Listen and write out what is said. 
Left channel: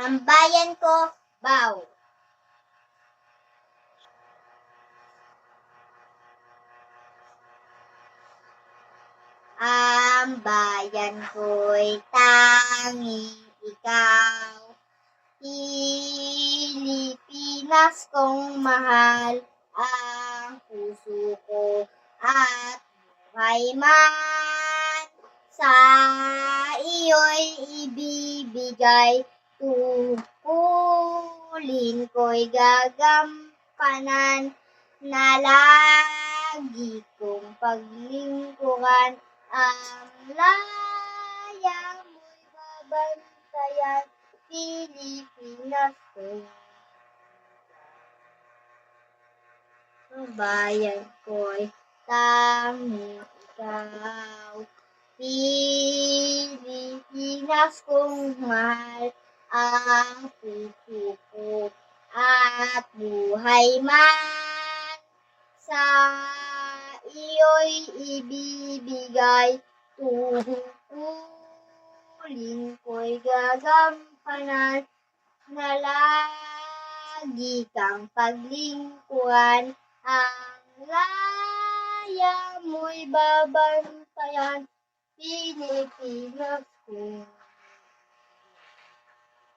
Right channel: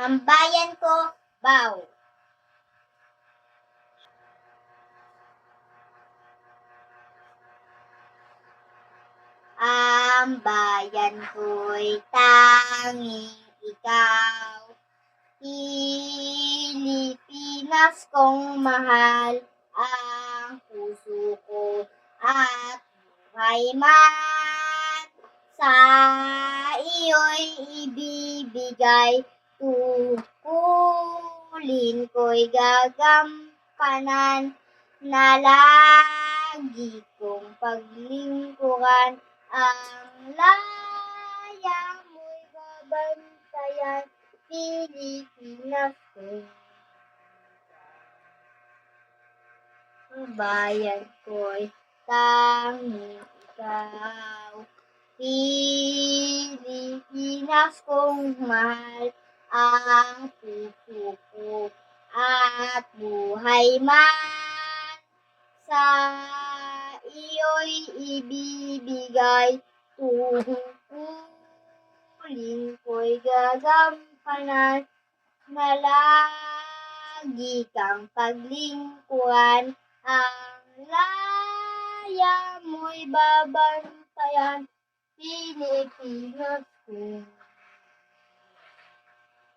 Ang bayan ko, Bao. Ang bayan ko'y tanging ikaw, Pilipinas kong mahal, ang puso ko at buhay man. Sa iyo'y ibibigay, tungkulin ko'y gagampanan, na lagi kong paglingkuran, ang laya mo'y babantayan, Pilipinas kong ang bayan ko'y tanging ikaw. Pilipinas kong mahal, ang puso ko at buhay man. Sa iyo'y ibibigay, tungkulin ko'y gagampanan, na lagi kang paglingkuran, ang laya mo'y babantayan, Pilipinas kong